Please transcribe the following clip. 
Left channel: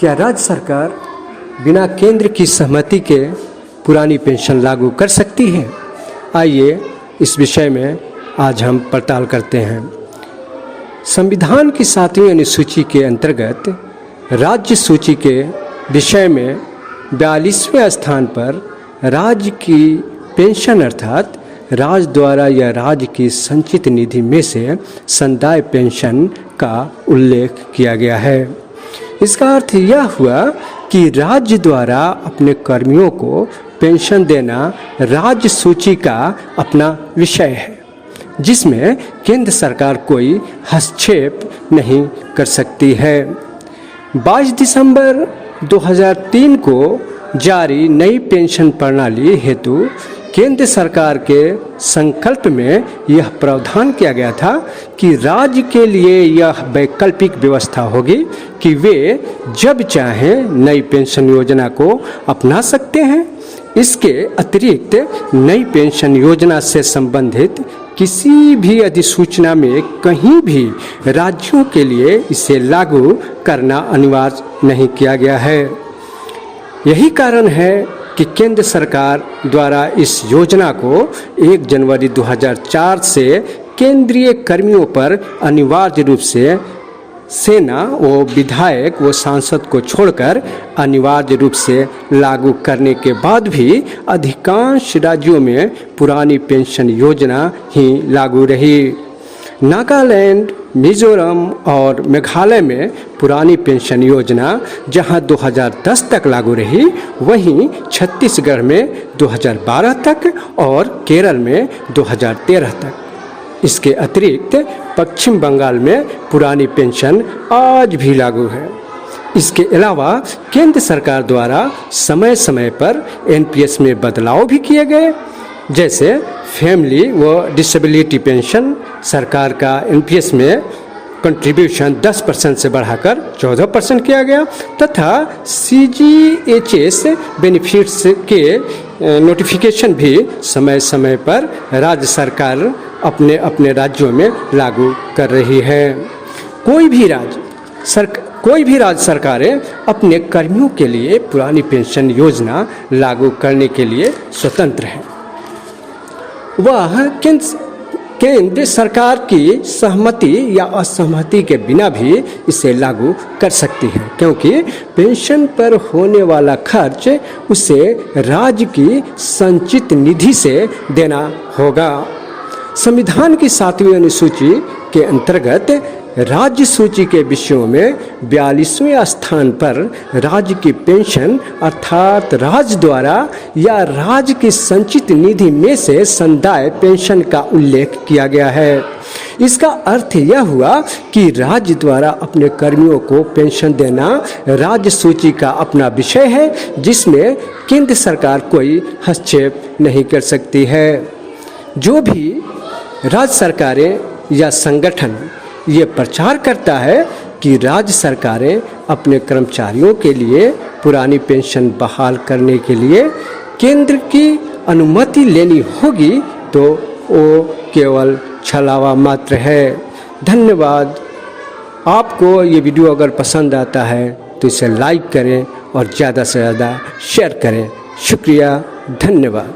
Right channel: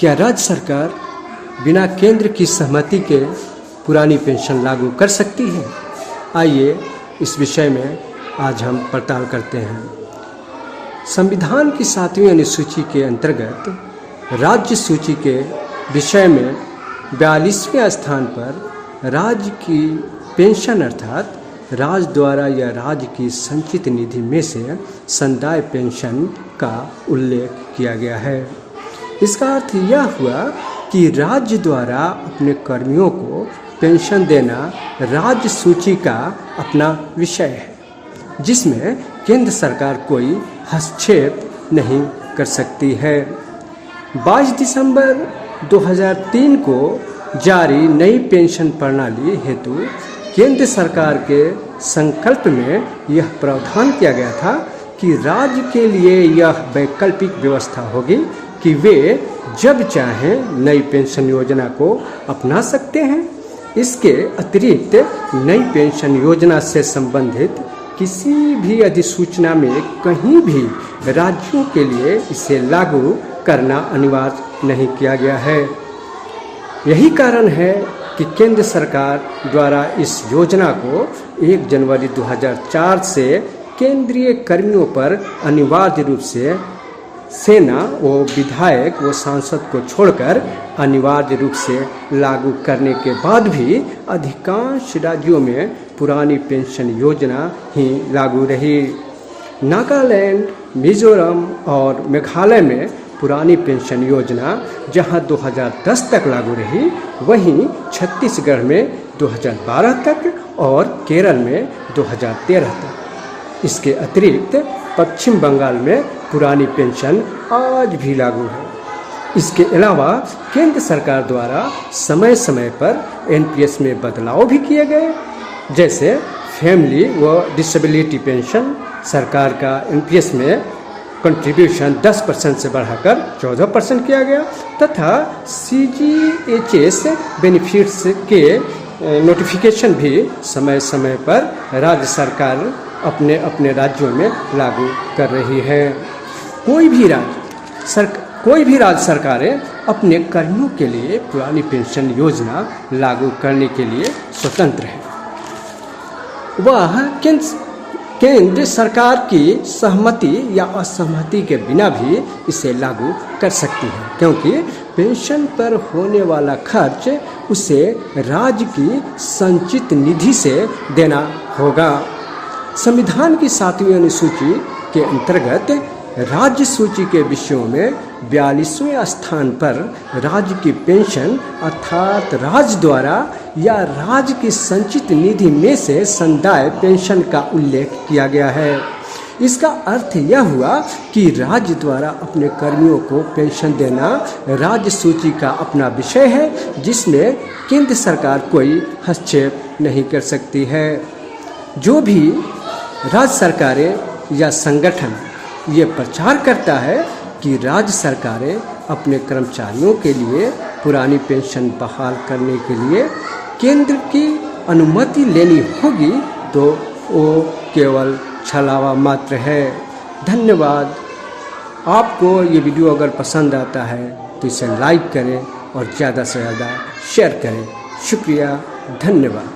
क्या राज्य सरकार बिना केंद्र की सहमति के पुरानी पेंशन लागू कर सकती है? आइए इस विषय में आज हम पड़ताल करते हैं। संविधान की 7वीं अनुसूची के अंतर्गत राज्य सूची के विषय में 42वें स्थान पर राज्य की पेंशन अर्थात राज्य द्वारा या राज्य की संचित निधि में से संदाय पेंशन का उल्लेख किया गया है। इसका अर्थ यह हुआ कि राज्य द्वारा अपने कर्मियों को पेंशन देना राज्य सूची का अपना विषय है, जिसमें केंद्र सरकार कोई हस्तक्षेप नहीं कर सकती है। 22 दिसंबर 2003 को जारी नई पेंशन प्रणाली हेतु केंद्र सरकार के संकल्प में यह प्रावधान किया गया था कि राज्य के लिए यह वैकल्पिक व्यवस्था होगी कि वे जब चाहें नई पेंशन योजना को अपना सकते हैं। इसके अतिरिक्त नई पेंशन योजना से संबंधित किसी भी अधिसूचना में कहीं भी राज्यों के लिए इसे लागू करना अनिवार्य नहीं किया गया है। यही कारण है कि केंद्र सरकार द्वारा इस योजना को 1 जनवरी 2004 से केंद्रीय कर्मियों पर अनिवार्य रूप से सेना व विधायक व सांसद को छोड़कर अनिवार्य रूप से लागू करने के बाद भी अधिकांश राज्यों में पुरानी पेंशन योजना ही लागू रही। नागालैंड, मिजोरम और मेघालय में पुरानी पेंशन योजना जहां 2010 तक लागू रही, वहीं छत्तीसगढ़ में 2012 तक और केरल में 2013 तक। इसके अतिरिक्त पश्चिम बंगाल में पुरानी पेंशन आज भी लागू है। इसके अलावा केंद्र सरकार द्वारा समय समय पर एनपीएस में बदलाव भी किए गए, जैसे फैमिली व डिसेबिलिटी पेंशन सरकार का एनपीएस में कंट्रीब्यूशन 10% से बढ़ाकर 14% किया गया तथा सीजीएचएस बेनिफिट्स के नोटिफिकेशन भी समय समय पर राज्य सरकार अपने अपने राज्यों में लागू कर रही है। कोई भी राज्य सरकारें अपने कर्मियों के लिए पुरानी पेंशन योजना लागू करने के लिए स्वतंत्र है। वह केंद्र सरकार की सहमति या असहमति के बिना भी इसे लागू कर सकती है, क्योंकि पेंशन पर होने वाला खर्च उसे राज्य की संचित निधि से देना होगा। संविधान की 7वीं अनुसूची के अंतर्गत राज्य सूची के विषयों में 42वें स्थान पर राज्य की पेंशन अर्थात राज्य द्वारा या राज्य की संचित निधि में से संदाय पेंशन का उल्लेख किया गया है। इसका अर्थ यह हुआ कि राज्य द्वारा अपने कर्मियों को पेंशन देना राज्य सूची का अपना विषय है, जिसमें केंद्र सरकार कोई हस्तक्षेप नहीं कर सकती है। जो भी राज्य सरकारें या संगठन ये प्रचार करता है कि राज्य सरकारें अपने कर्मचारियों के लिए पुरानी पेंशन बहाल करने के लिए केंद्र की अनुमति लेनी होगी, तो वो केवल छलावा मात्र है। धन्यवाद। आपको ये वीडियो अगर पसंद आता है तो इसे लाइक करें और ज़्यादा से ज़्यादा शेयर करें। शुक्रिया, धन्यवाद।